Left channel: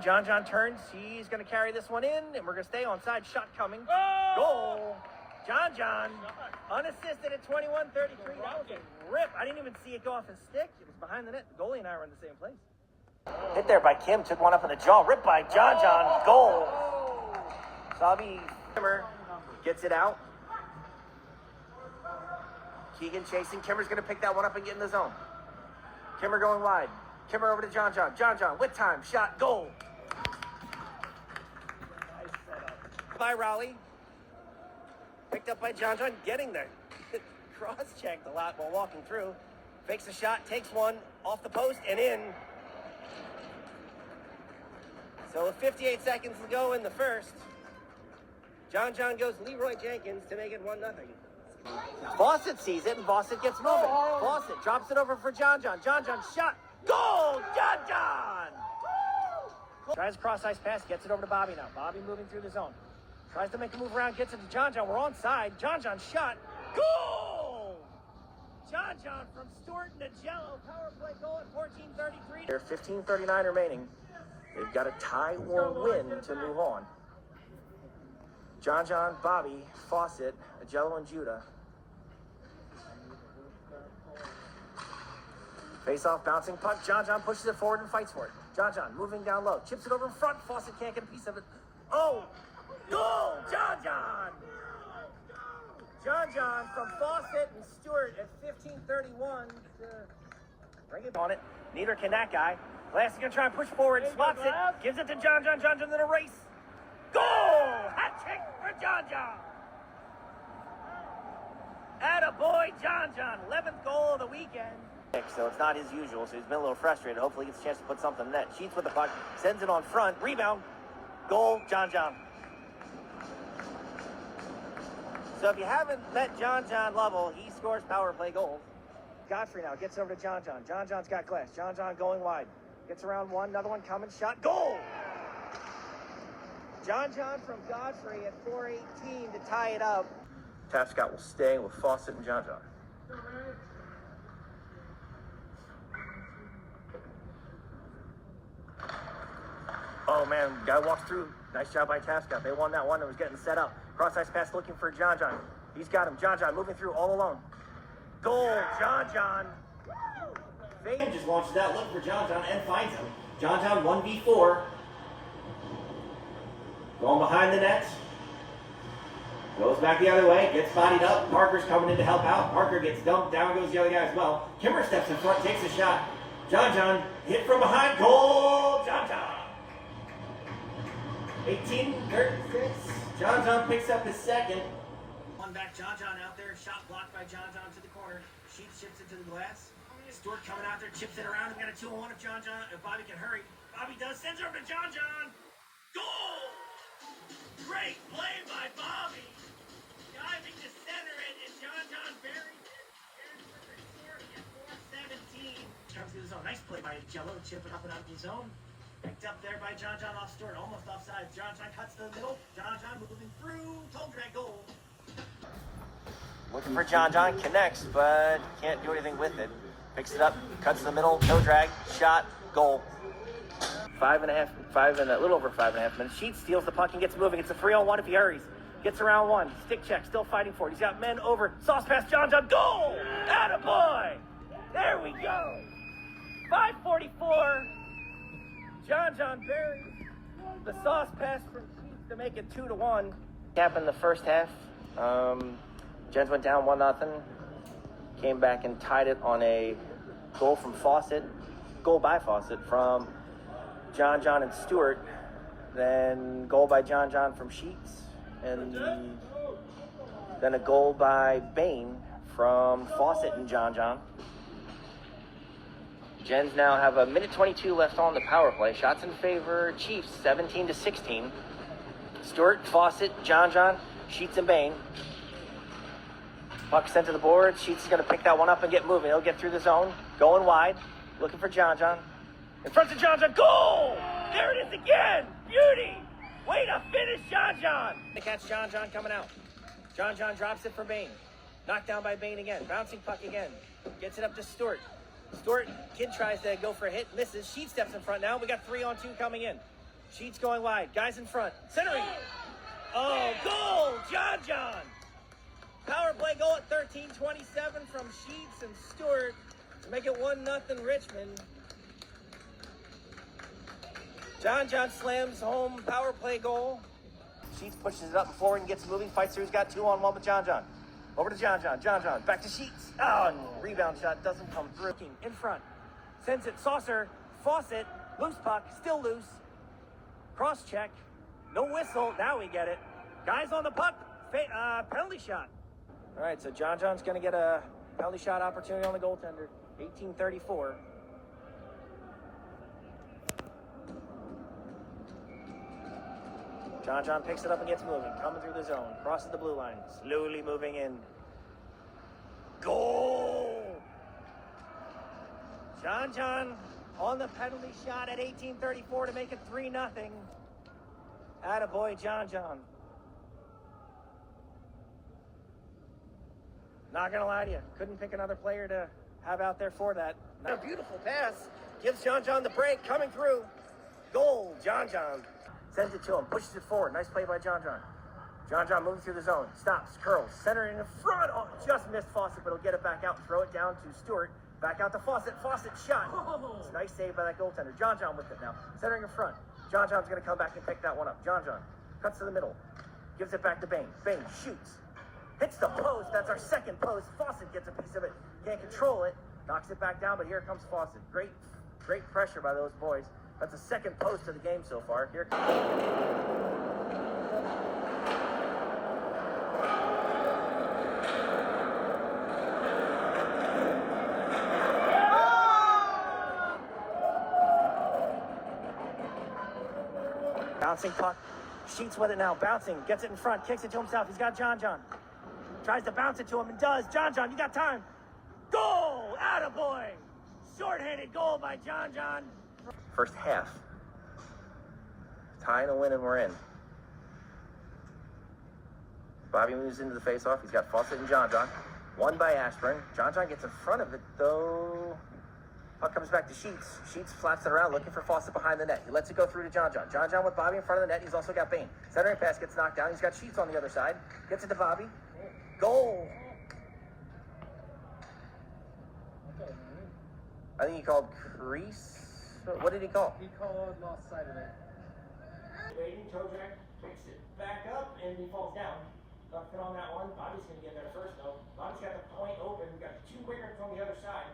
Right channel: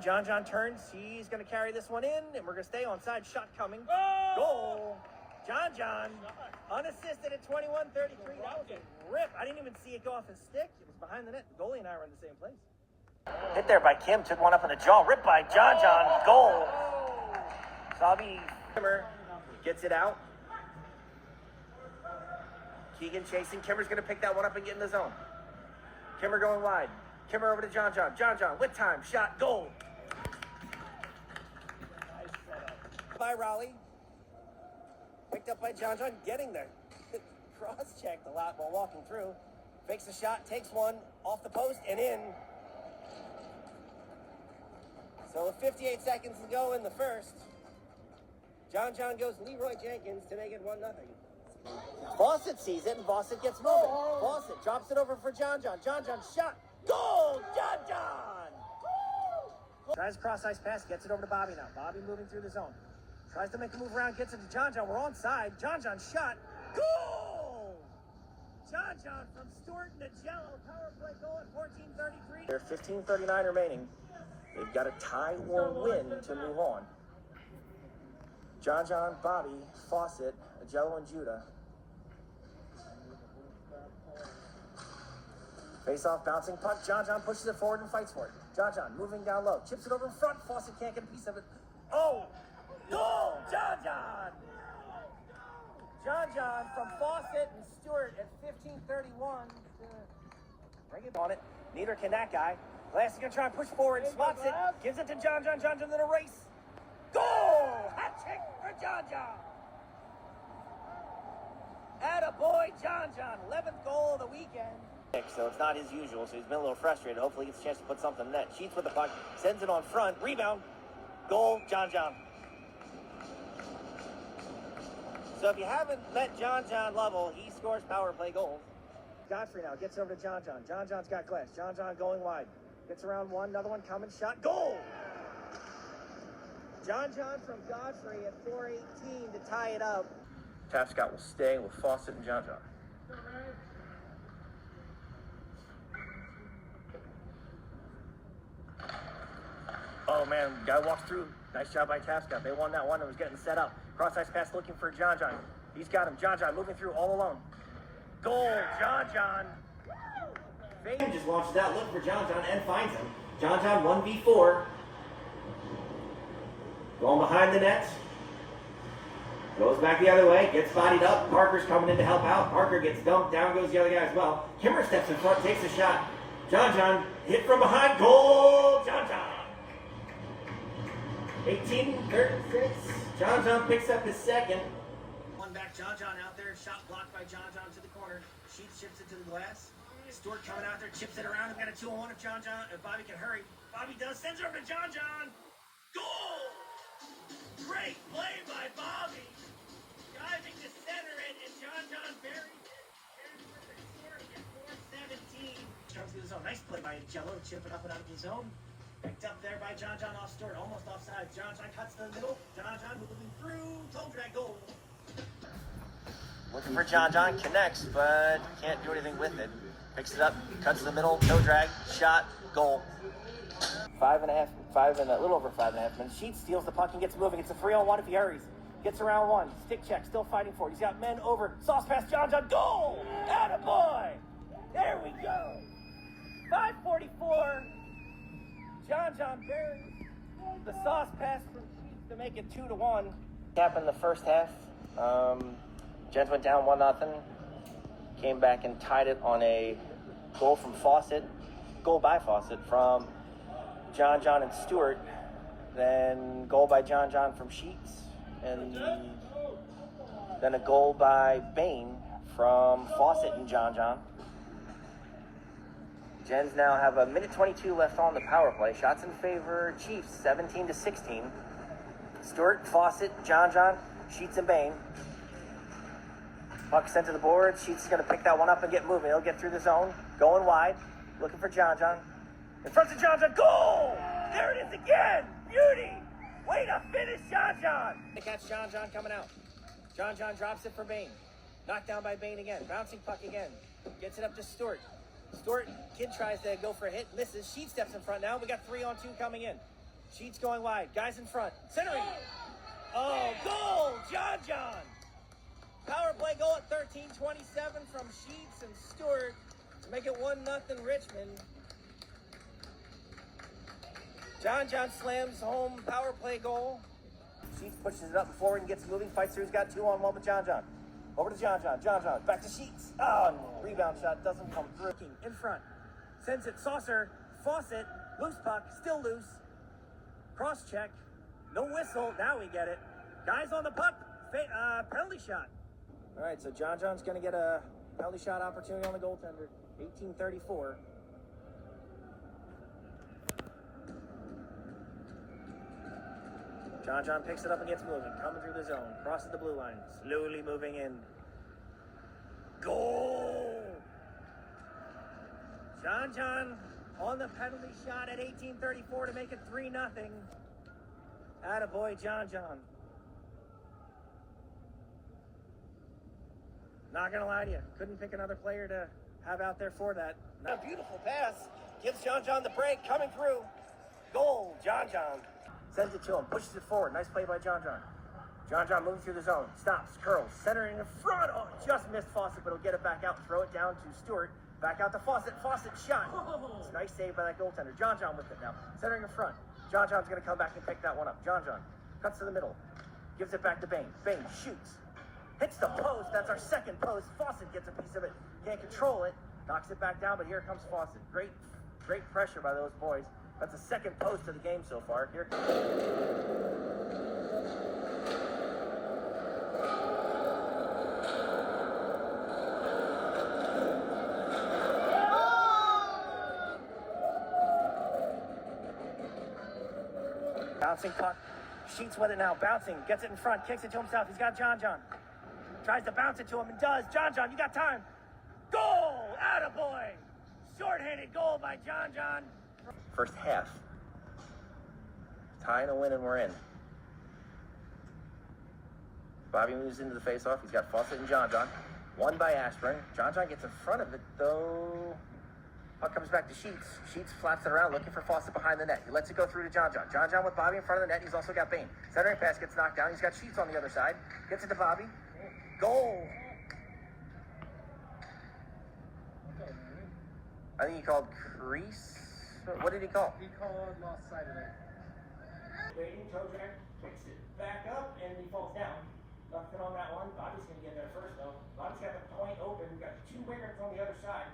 John turns. He's going to carry this one in, and we're going to stay onside. Shot coming. Goal. John, unassisted at 21-33. That was a rip. I didn't even see it go off his stick. It was behind the net. The goalie and I were in the same place. Hit there by Kim. Took one up in the jaw. Ripped by John. Goal. Sabi Kimmer gets it out. Keegan chasing. Kimmer's going to pick that one up and get in the zone. Kimmer going wide. Kimmer over to John. John with time. Shot. Goal. Nice setup. By Raleigh. Picked up by John. Getting there. Cross-checked a lot while walking through. Fakes a shot. Takes one off the post and in. So with 58 seconds to go in the first, John goes Leroy Jenkins to make it 1-0. Fawcett sees it, and Fawcett gets moving. Fawcett drops it over for John. John shot. Goal! John! Tries a cross-ice pass, gets it over to Bobby now. Bobby moving through the zone. Tries to make a move around, gets it to John. We're onside. John shot. Goal! John from Stewart and Jello. Power play goal at 14:33. There's 15:39 remaining. They've got a tie or win to move on. John, Bobby, Fawcett, Jello, and Judah. Face off, bouncing puck. John pushes it forward and fights for it. John moving down low. Chips it over in front. Fawcett can't get a piece of it. Oh! Goal! John! John from Fawcett and Stewart at 15:31. Bring it on it. Neither can that guy. Last is going to try and push forward. Spots it. Gives it to John. John in a race. Goal! Hat trick for John. Attaboy, John. 11th goal of the weekend. So it's not his usual, so he's been a little frustrated. Hopefully he gets a chance to put something in net. Sheets with the puck. Sends it on front. Rebound. Goal, John. So if you haven't met John Lovell, he scores power play goals. Godfrey now gets over to John. John's got glass. John going wide. Gets around one. Another one coming. Shot. Goal! John from Godfrey at 4:18 to tie it up. Tapscott will stay with Fawcett and John. Oh man, guy walks through. Nice job by Tapscott. They won that one. It was getting set up. Cross-ice pass looking for John. He's got him. John moving through all alone. Goal, John. Fagan just launches out, looking for John and finds him. John 1v4. Going behind the net. Goes back the other way, gets bodied up. Parker's coming in to help out. Parker gets dumped, down goes the other guy as well. Kimmer steps in front, takes a shot. John hit from behind. Goal, John. 18-36. John picks up his second. One back, John out there. Shot blocked by John to the corner. Sheets chips it to the glass. Stewart coming out there, chips it around. We've got a 2-on-1 if Bobby can hurry. Bobby does, sends it over to John. Goal! Great play by Bobby. Diving to center it, and John buried it. There's the 4:17. Comes through the zone. Nice play by Jello, chip it up and out of the zone. Picked up there by John off Stewart, almost offside. John cuts to the middle. John moving through. Toe drag goal. Looking for John, connects, but can't do anything with it. Picks it up, cuts to the middle, toe drag, shot, goal. 5 and a little over 5.5 minutes. Sheets steals the puck and gets moving. It's a 3-on-1 if he hurries. Gets around one. Stick check, still fighting for it. He's got men over. Sauce pass, John, goal! Attaboy! There we go. 5:44. John buries the sauce pass from Sheets to make it 2-1. Happened the first half. Gens went down 1-0. Came back and tied it on a goal from Fawcett. Goal by Fawcett from John and Stewart. Then goal by John from Sheets. And then a goal by Bain from Fawcett and John. Gens now have a minute 22 left on the power play. Shots in favor, Chiefs, 17-16. Stewart, Fawcett, John, Sheets, and Bain. Puck sent to the boards. Sheets is going to pick that one up and get moving. He'll get through the zone, going wide, looking for John. In front of John, goal! There it is again! Beauty! Way to finish, John! They catch John coming out. John drops it for Bain. Knocked down by Bain again. Bouncing puck again. Gets it up to Stewart. Kid tries to go for a hit, misses. Sheet steps in front now. We got 3-on-2 coming in. Sheets going wide. Guys in front. Centering. Oh, goal! John. Power play goal at 13:27 from Sheets and Stewart to make it 1-0 Richmond. John slams home power play goal. Sheets pushes it up and forward and gets moving. Fights through. He's got 2-on-1 with John. Over to John. Back to Sheets. Oh, and rebound shot doesn't come through. In front. Sends it. Saucer. Fawcett. Loose puck. Still loose. Cross check. No whistle. Now we get it. Guys on the puck. Penalty shot. All right, so John's going to get a penalty shot opportunity on the goaltender. 18:34. John picks it up and gets moving. Coming through the zone. Crosses the blue line. Slowly moving in. Goal! John on the penalty shot at 18:34 to make it 3-0. Attaboy, John. Not gonna lie to you, couldn't pick another player to have out there for that. A beautiful pass, gives John the break, coming through. Goal, John. Sends it to him, pushes it forward. Nice play by John. John moving through the zone, stops, curls, center in front. Oh, just missed Fawcett, but he'll get it back out and throw it down to Stewart. Back out to Fawcett. Fawcett shot. It's a nice save by that goaltender. John with it now. Centering in front. John's going to come back and pick that one up. John cuts to the middle. Gives it back to Bain. Bain shoots. Hits the post. That's our second post. Fawcett gets a piece of it. Can't control it. Knocks it back down, but here comes Fawcett. Great pressure by those boys. That's the second post of the game so far. Here bouncing puck. Sheets with it now. Bouncing. Gets it in front. Kicks it to himself. He's got John. Tries to bounce it to him and does. John, you got time. Goal! Attaboy! Short-handed goal by John. First half. Tying a win and we're in. Bobby moves into the face-off. He's got Fawcett and John. Won by Ashburn. John gets in front of it, though. Puck comes back to Sheets. Sheets flaps it around, looking for Fawcett behind the net. He lets it go through to John. John with Bobby in front of the net. He's also got Bain. Centering pass gets knocked down. He's got Sheets on the other side. Gets it to Bobby. Goal! I think he called crease. What did he call? He called lost sight of it. Waiting, Kojak picks it back up and he falls down. Nothing on that one. Bobby's going to get there first, though. Bobby's got the point open. We've got two wingers on the other side.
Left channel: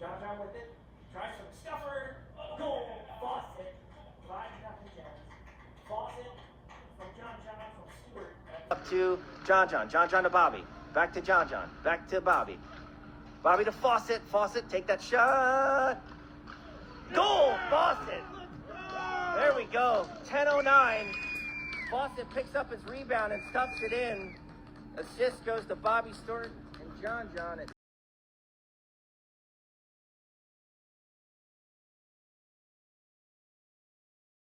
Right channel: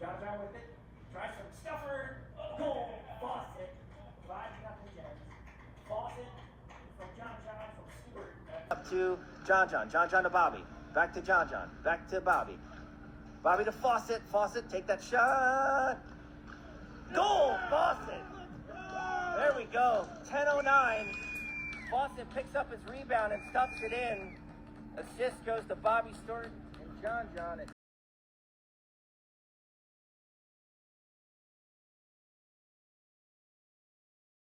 John with it. Tries some stuffer. Goal. Fawcett. 5-0 Jets. Fawcett from John from Stewart. Up to John. John to Bobby. Back to John. Back to Bobby. Bobby to Fawcett. Fawcett, take that shot. Goal. Fawcett. There we go. 10:09. Fawcett picks up his rebound and stuffs it in. Assist goes to Bobby Stewart and John at